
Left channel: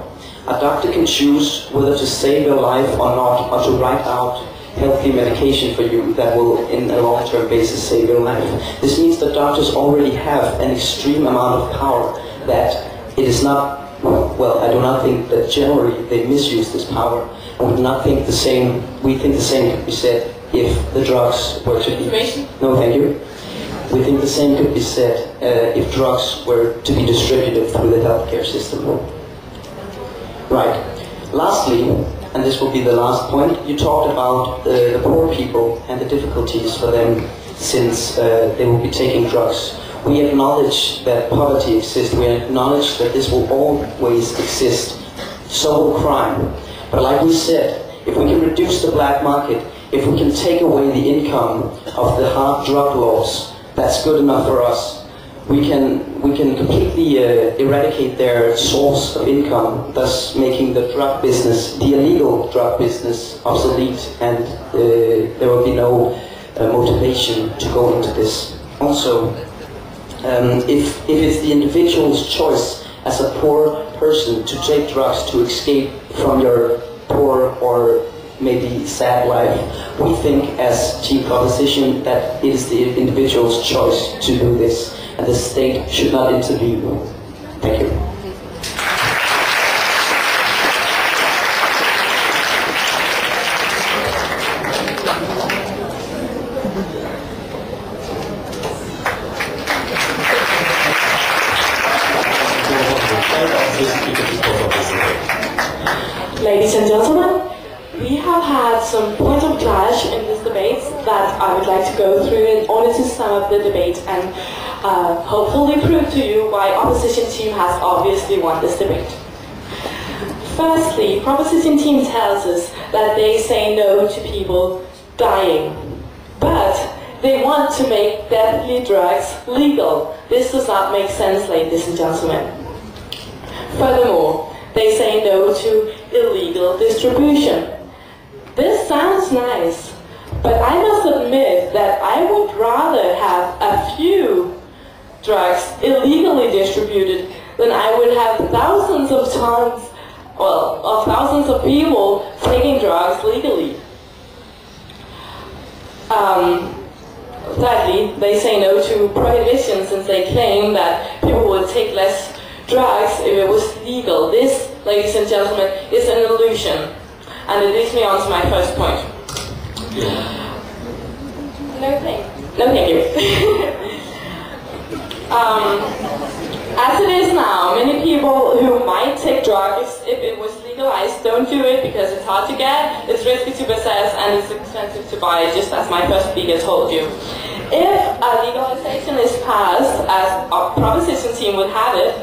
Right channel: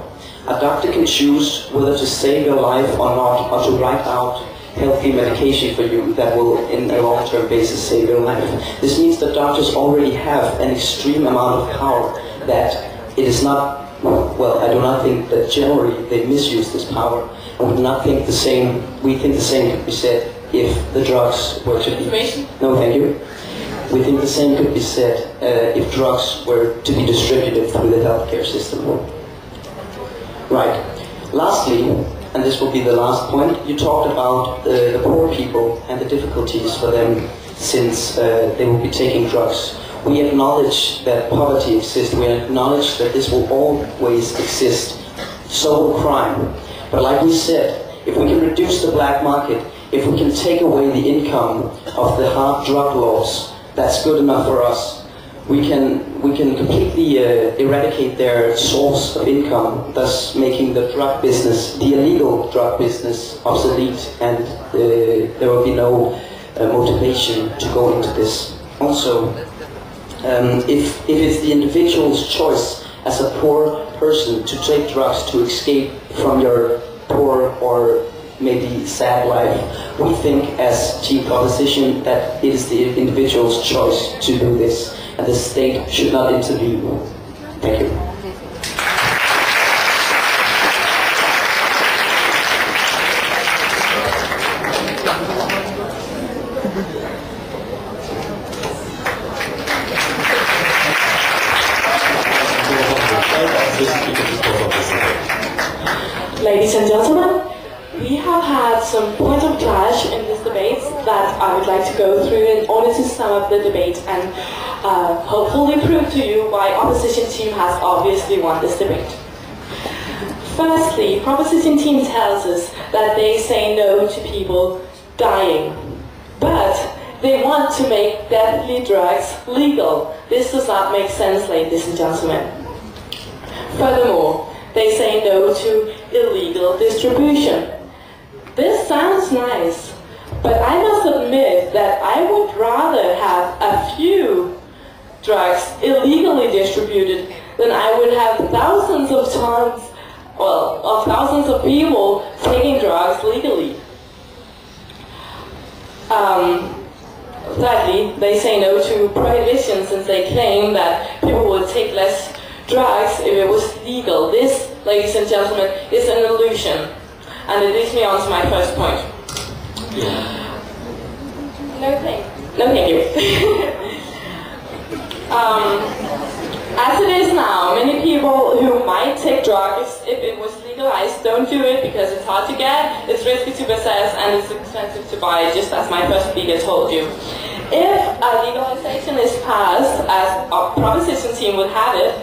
A doctor can choose whether to save your life or not, or to write out healthy medication for you that will, in a long-term basis, save your life. This means that doctors already have an extreme amount of power that it is not, well, I do not think that generally they misuse this power. And we do not think the same, we think the same could be said if the drugs were to be... No, thank you. We think the same could be said if drugs were to be distributed through the healthcare system. Right. Lastly, and this will be the last point, you talked about the poor people and the difficulties for them since they will be taking drugs. We acknowledge that poverty exists. We acknowledge that this will always exist. So will crime. But like we said, if we can reduce the black market, if we can take away the income of the hard drug laws, that's good enough for us. We can completely eradicate their source of income, thus making the drug business, the illegal drug business, obsolete, and there will be no motivation to go into this. Also, if it's the individual's choice as a poor person to take drugs to escape from your poor or maybe sad life, we think as Team Proposition that it is the individual's choice to do this, and the state should not intervene. Thank you. Ladies and gentlemen, we have had some points of clash in this debate that I would like to go through in order to sum up the debate and hopefully prove to you why opposition team has obviously won this debate. Firstly, proposition team tells us that they say no to people dying, but they want to make deadly drugs legal. This does not make sense, ladies and gentlemen. Furthermore, they say no to illegal distribution. This sounds nice, but I must admit that I would rather have a few drugs illegally distributed, then I would have thousands of tons, well, of thousands of people taking drugs legally. Thirdly, they say no to prohibition since they claim that people would take less drugs if it was legal. This, ladies and gentlemen, is an illusion. And it leads me on to my first point. No thank you. As it is now, many people who might take drugs if it was legalized don't do it because it's hard to get, it's risky to possess, and it's expensive to buy, just as my first speaker told you. If a legalization is passed, as our proposition team would have it,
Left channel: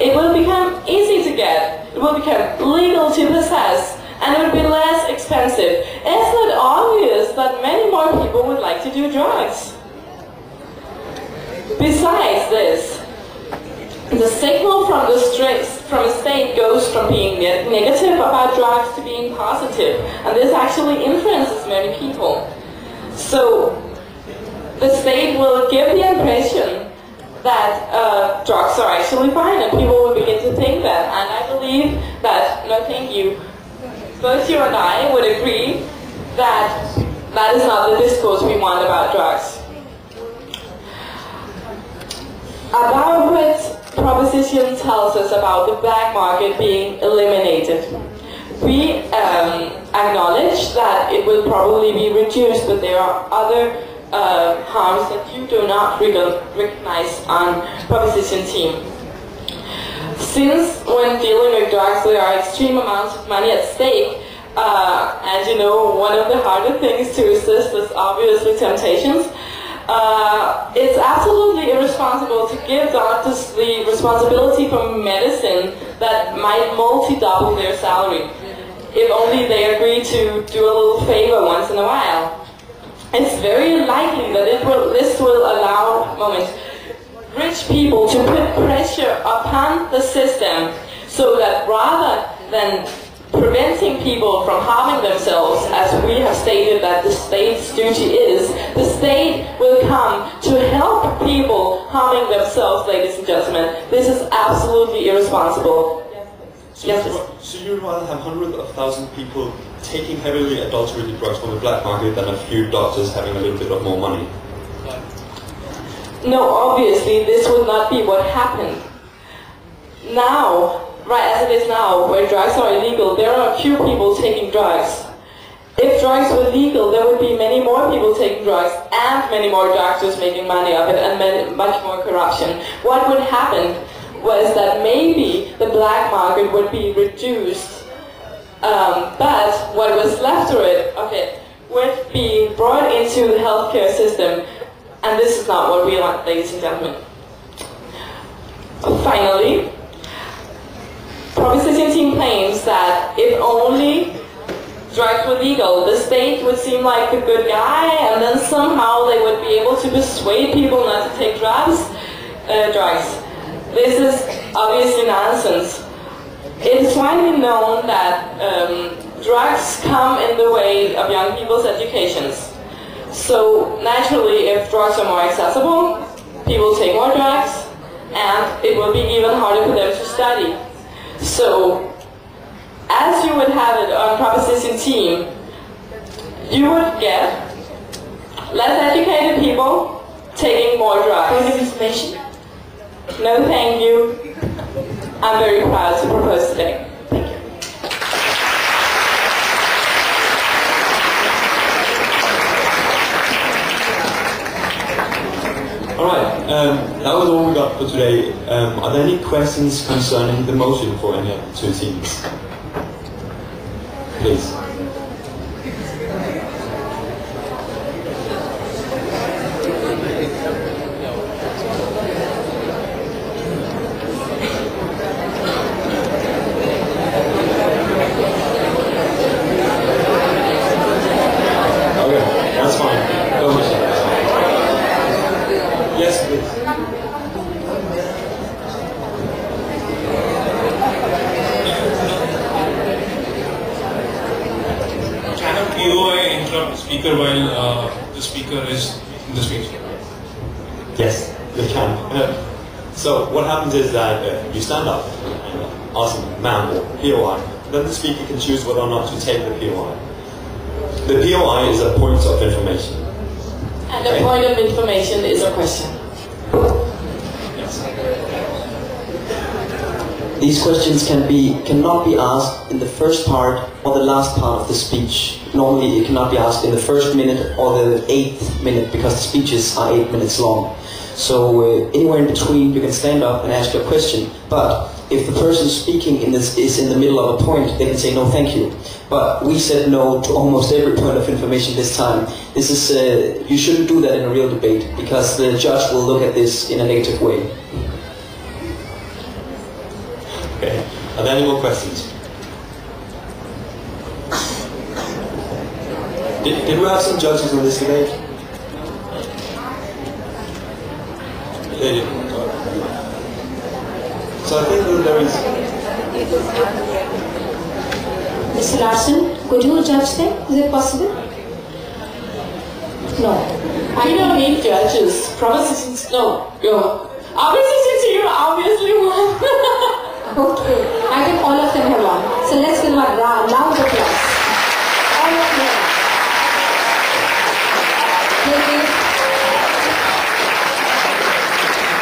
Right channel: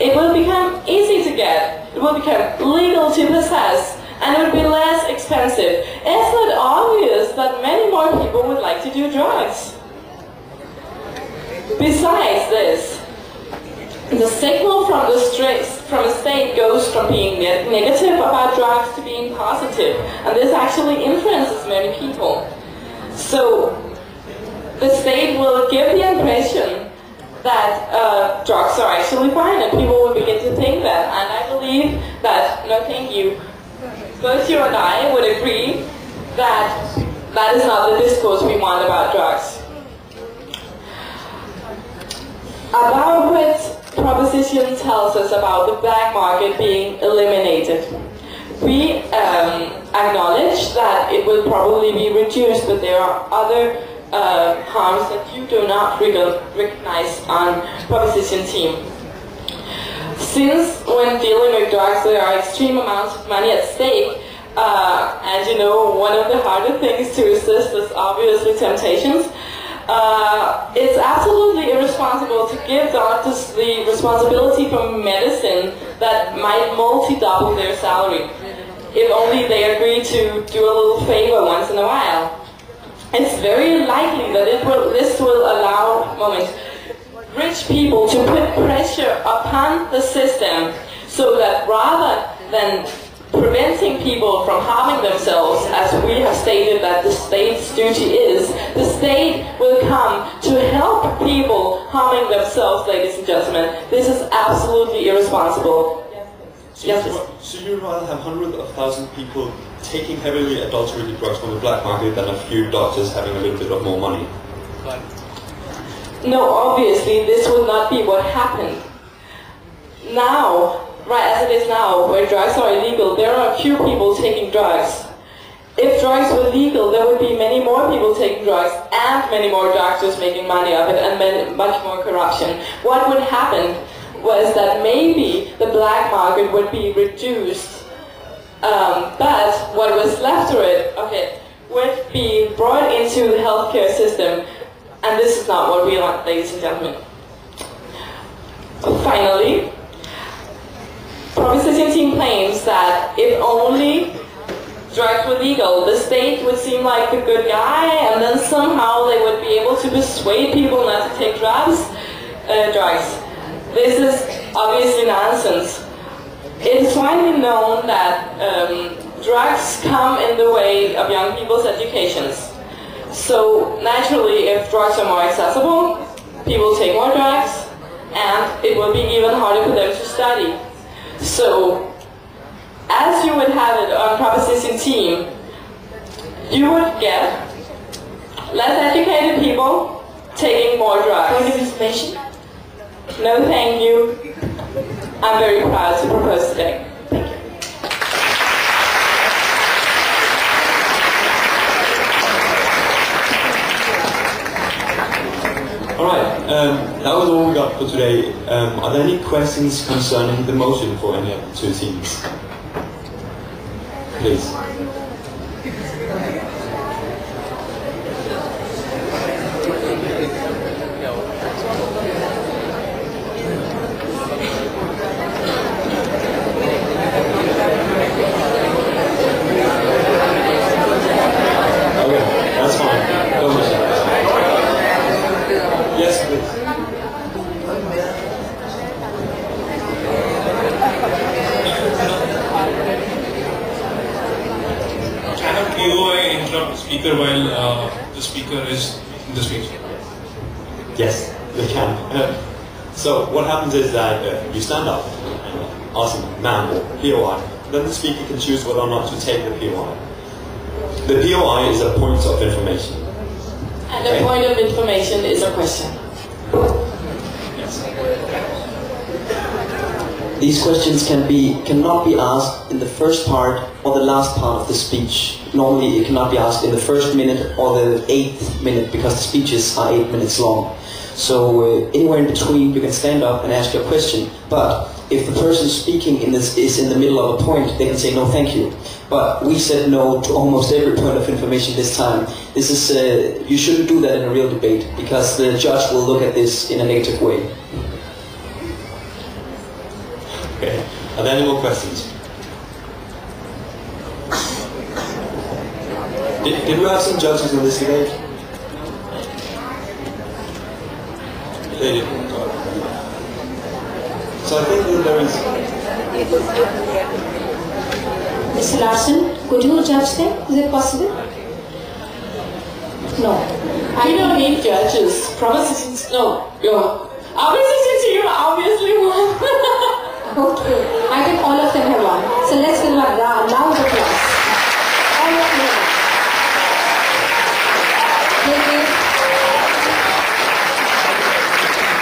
it will become easy to get, it will become legal to possess, and it would be less expensive. Isn't it obvious that many more people would like to do drugs? Besides this, the signal from the state goes from being negative about drugs to being positive, and this actually influences many people. So the state will give the impression that drugs are actually fine, and people will begin to think that. And I believe that, no thank you, both you and I would agree that that is not the discourse we want about drugs. About what proposition tells us about the black market being eliminated. We acknowledge that it will probably be reduced, but there are other harms that you do not recognize on proposition team. Since when dealing with drugs there are extreme amounts of money at stake, and you know, one of the harder things to resist is obviously temptations. It's absolutely irresponsible to give doctors the responsibility for medicine that might multi-double their salary, if only they agree to do a little favor once in a while. It's very likely that this will allow rich people to put pressure upon the system, so that rather than preventing people from harming themselves, as we have stated that the state's duty is, the state will come to help people harming themselves, ladies and gentlemen. This is absolutely irresponsible. So you'd rather have hundreds of thousands of people taking heavily adulterated drugs from the black market than a few doctors having a little bit of more money? No, obviously this would not be what happened. Now, right as it is now, where drugs are illegal, there are few people taking drugs. If drugs were legal, there would be many more people taking drugs and many more doctors making money of it and much more corruption. What would happen was that maybe the black market would be reduced, but what was left of it, would be brought into the healthcare system, and this is not what we want, ladies and gentlemen. Finally, proposition team claims that if only drugs were legal, the state would seem like a good guy, and then somehow they would be able to persuade people not to take drugs. This is obviously nonsense. It is widely known that drugs come in the way of young people's educations. So naturally, if drugs are more accessible, people take more drugs, and it will be even harder for them to study. So, as you would have it on proposition team, you would get less educated people taking more drugs. Point of information? No, thank you. I'm very proud to propose today. Thank you. Alright, that was all we got for today. Are there any questions concerning the motion for any of the two teams? Please. That's fine. Go ahead. Yes, please. Cannot KOI interrupt the speaker while the speaker is in the speech? Yes. They can. So what happens is that you stand up and ask a ma'am or POI, then the speaker can choose whether or not to take the POI. The POI is a point of information. And the point of information is a question. Yes. These questions cannot be asked in the first part or the last part of the speech. Normally it cannot be asked in the first minute or the 8th minute because the speeches are 8 minutes long. So anywhere in between you can stand up and ask your question, but if the person speaking in this is in the middle of a point, they can say no thank you. But we said no to almost every point of information this time. This is you shouldn't do that in a real debate because the judge will look at this in a negative way. Okay. Are there any more questions? Did we have some judges on this debate? They didn't. So I think that there is... Mr. Larson, could you judge them? Is it possible? No. We don't need judges. Propositions, no. Opposition to you obviously will. Okay. I think all of them have won. So let's give them a loud applause. All of them.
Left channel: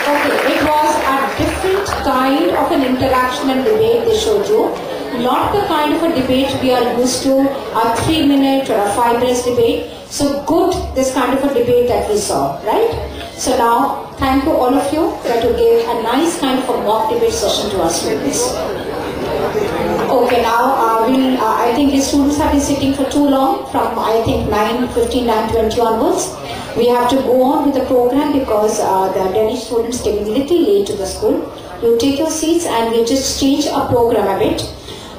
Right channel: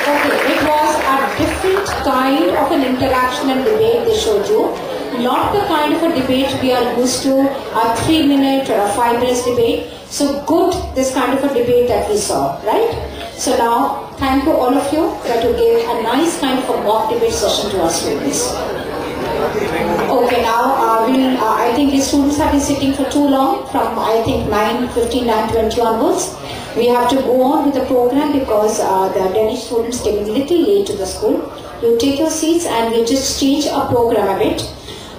Okay, it was a different kind of an interaction and debate they showed you. Not the kind of a debate we are used to, a 3-minute or a 5 minutes debate. So good, this kind of a debate that we saw, right? So now, thank you all of you that you gave a nice kind of a mock debate session to our students. Okay, now I think the students have been sitting for too long, from I think 9:15, 9:20 onwards. We have to go on with the program because the Danish students came a little late to the school. You take your seats and we'll just change our program a bit.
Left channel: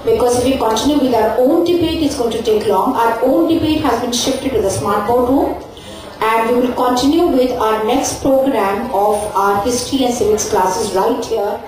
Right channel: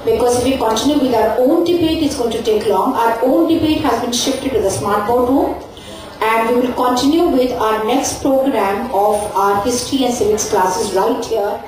Because if we continue with our own debate, it's going to take long. Our own debate has been shifted to the smart board room. And we will continue with our next program of our history and civics classes right here